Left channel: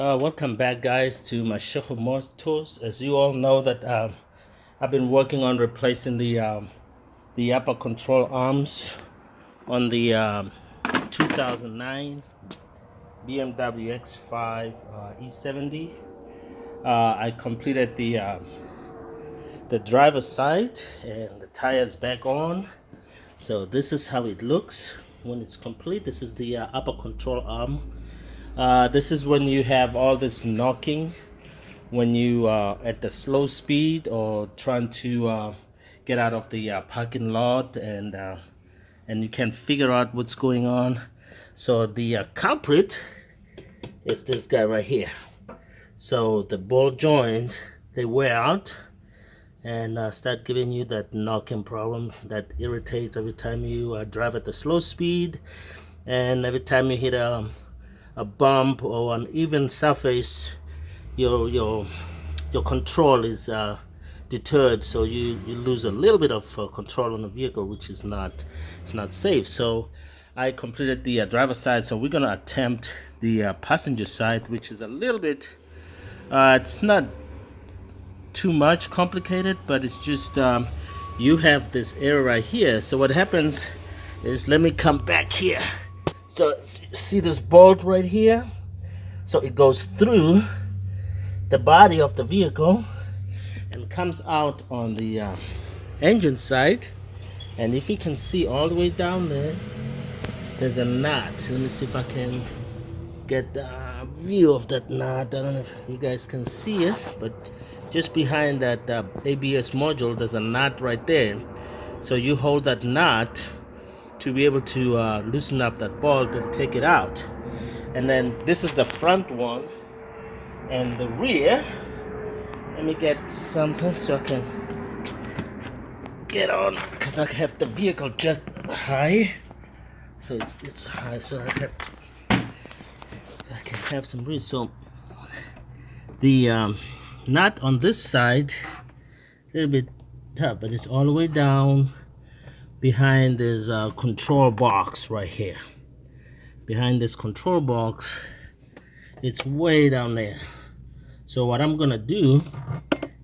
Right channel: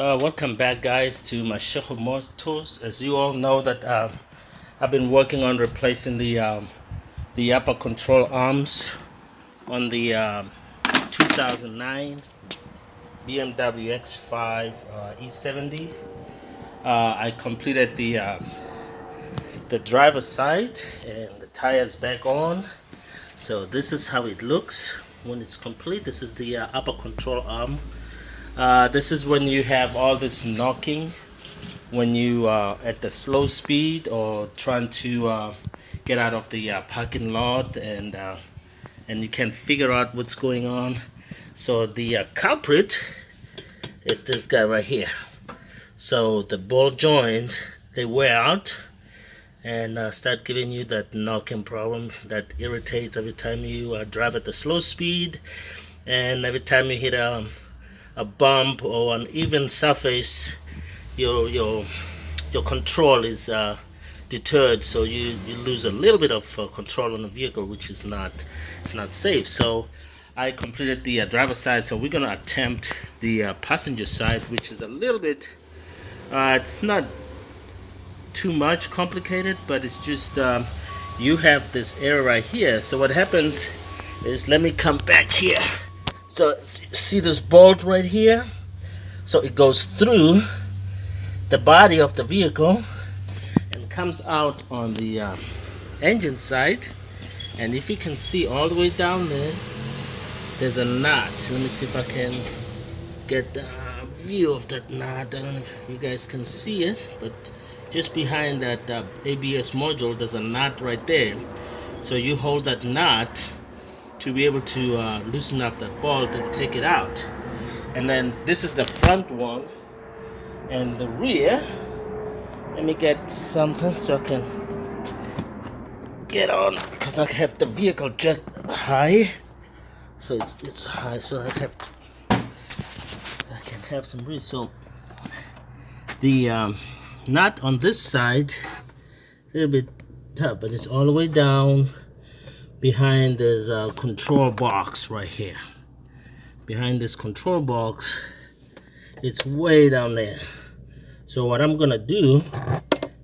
Welcome back, guys, to my Sheikh Motors. As you all know, that I've been working on replacing the upper control arms on the 2009 BMW X5 E70. I completed the driver's side and the tires back on. So this is how it looks when it's complete. This is the upper control arm. This is when you have all this knocking when you are at the slow speed or trying to get out of the parking lot, and you can figure out what's going on. So the culprit is this guy right here. So the ball joint, they wear out and start giving you that knocking problem that irritates every time you drive at the slow speed, and every time you hit a bump or an even surface, your control is deterred, so you lose a little bit of control on the vehicle, which is not safe. So I completed the driver's side, so we're gonna attempt the passenger side, which is a little bit it's not too much complicated, but it's just you have this area right here. So what happens is, let me come back here. So see this bolt right here? So it goes through the body of the vehicle and comes out on the engine side. And if you can see all the way down there, there's a knot. Let me see if I can get the view of that knot. I don't know if you guys can see it, but just behind that ABS module, there's a knot right there. So you hold that knot to be able to loosen up that bolt and take it out. And then this is the front one, and the rear, let me get something so I can get on, because I have the vehicle just high, so it's high, so I can have some breeze. So the knot on this side a little bit tough, but it's all the way down behind this control box right here. Behind this control box, it's way down there. So what I'm gonna do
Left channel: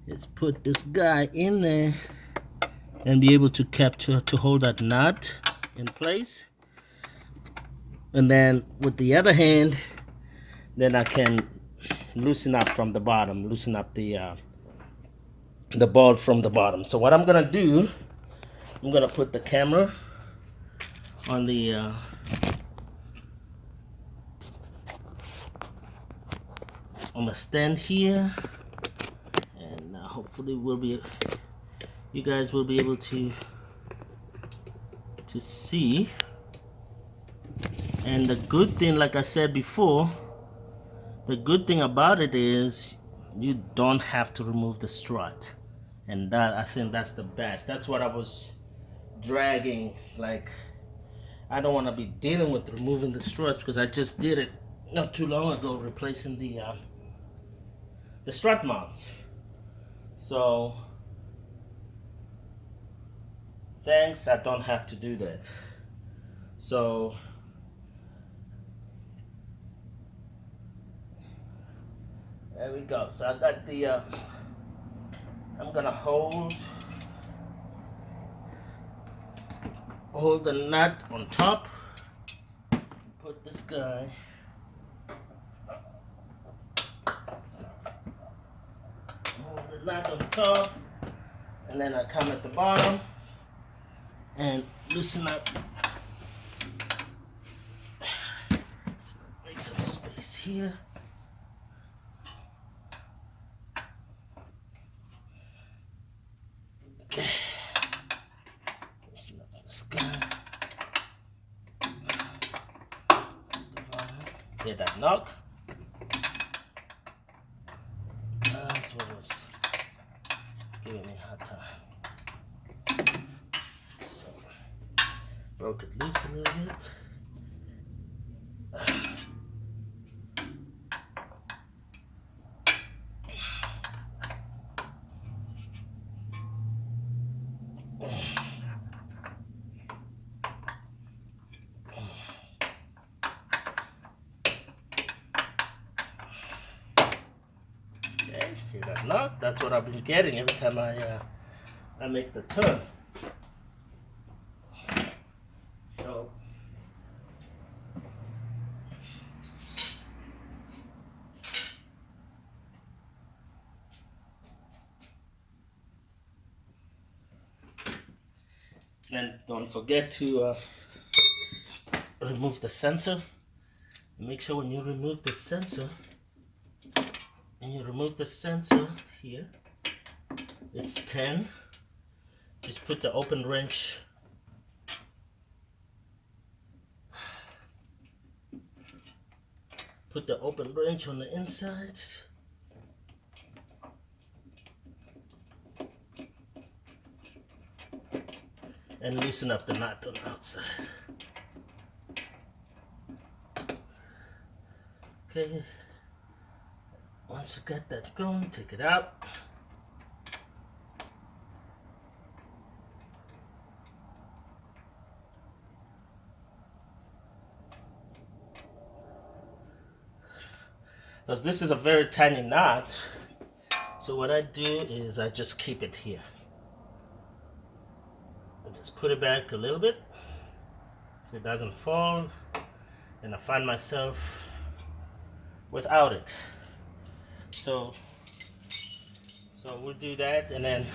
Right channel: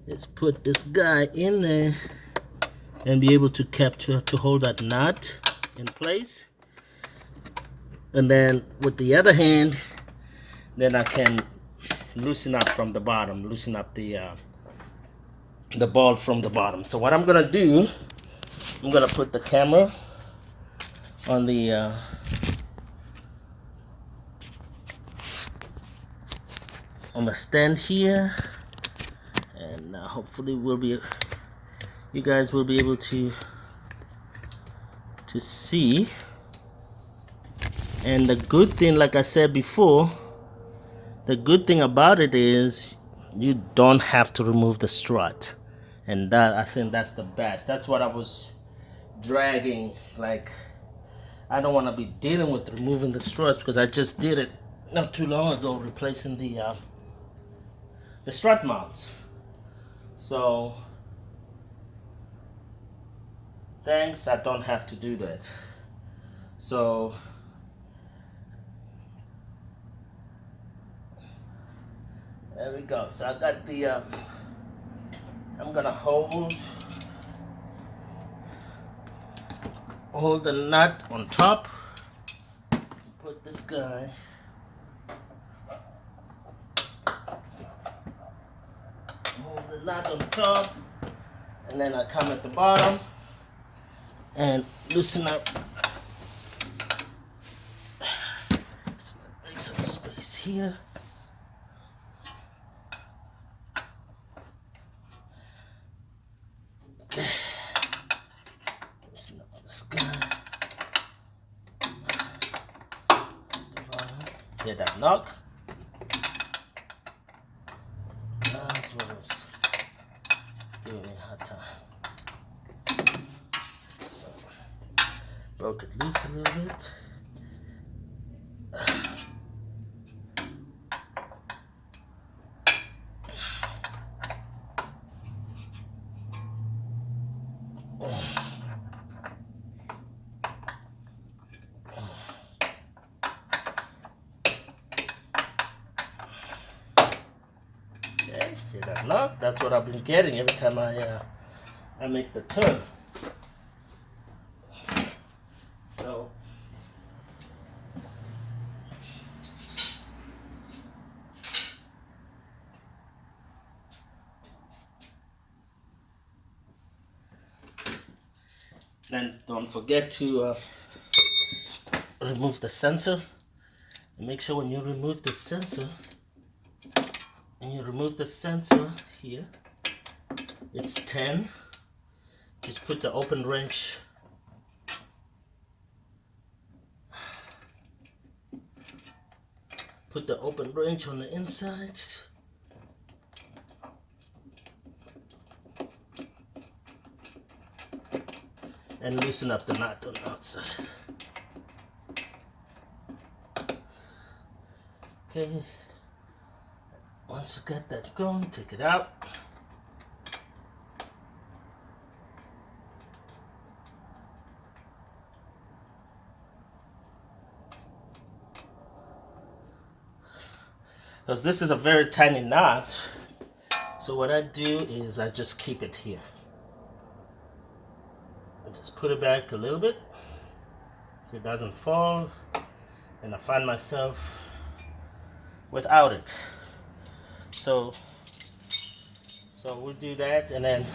is put this guy in there and be able to hold that knot in place, and then with the other hand, then I can loosen up from the bottom, loosen up the bolt from the bottom. So what I'm gonna do, I'm gonna put the camera on the stand here, and hopefully you guys will be able to see. And the good thing, like I said before, the good thing about it is you don't have to remove the strut, and that, I think that's the best. That's what I was dragging. Like, I don't want to be dealing with removing the struts, because I just did it not too long ago, replacing the strut mounts. So thanks, I don't have to do that. So there we go. So I got the I'm gonna hold the nut on top, put this guy hold the nut on top, and then I come at the bottom and loosen up. Make some space here. Okay. Loosen up this guy. Get that knock. That's what was giving me a hard time. So broke it loose a little bit. No, that's what I've been getting every time I make the turn. So then don't forget to remove the sensor. And make sure when you remove the sensor, here, it's 10. Just put the open wrench on the inside. And loosen up the nut on the outside. Okay, once you got that going, take it out. Because this is a very tiny knot, so what I do is I just keep it here. I just put it back a little bit so it doesn't fall, and I find myself without it. So we'll do that, and then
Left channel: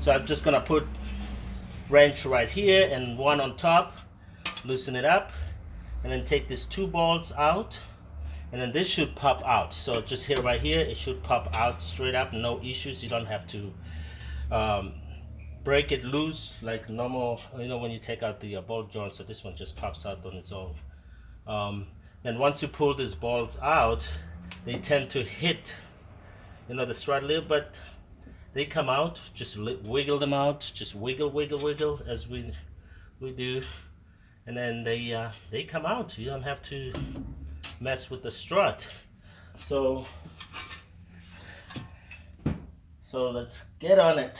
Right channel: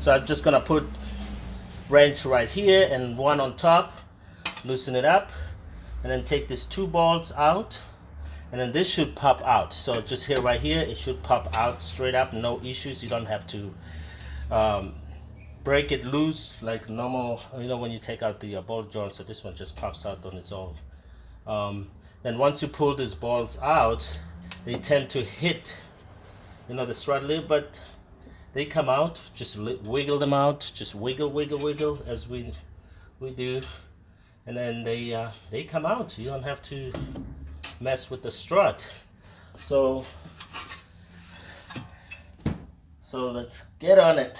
so I'm just gonna put wrench right here and one on top, loosen it up, and then take these 2 balls out, and then this should pop out. So just here, right here, it should pop out straight up, no issues. You don't have to break it loose like normal, you know, when you take out the ball joint. So this one just pops out on its own. Then once you pull these balls out, they tend to hit, you know, the strut lip, but they come out. Just wiggle them out, just wiggle as we do, and then they come out. You don't have to mess with the strut. So let's get on it.